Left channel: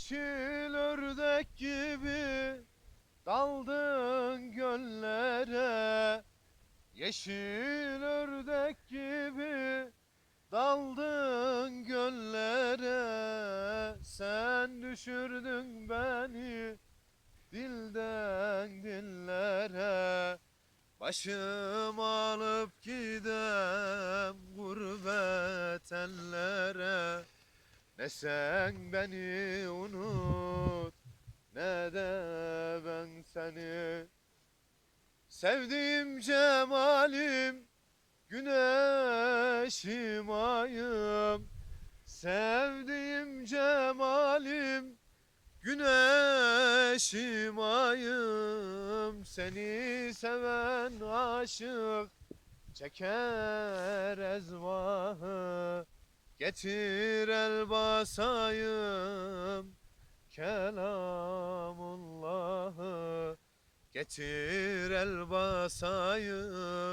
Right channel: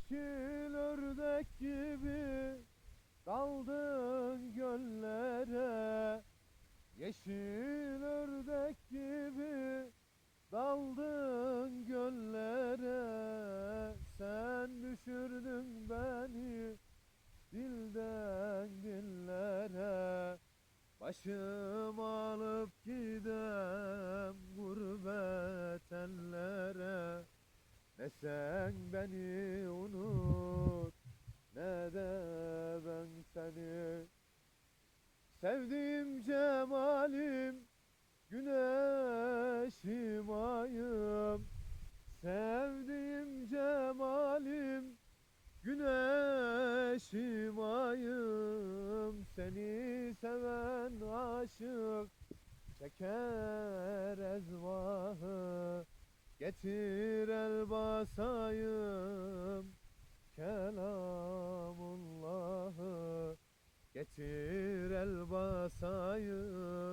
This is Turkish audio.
Yeşil ördek gibi daldın göllere. Yeşil ördek gibi daldın göllere. Sen düşürdün beni dilden dillere. Başım alıp gidem Ne sen beni unut. Ne de ben seni. Sevdiğim cemalim güneşim ayım. Sevdiğim cemalim güneşim ayım. Seni seven aşık çeker ezvahı Getir el basayım kelamullahı. Getir el basayım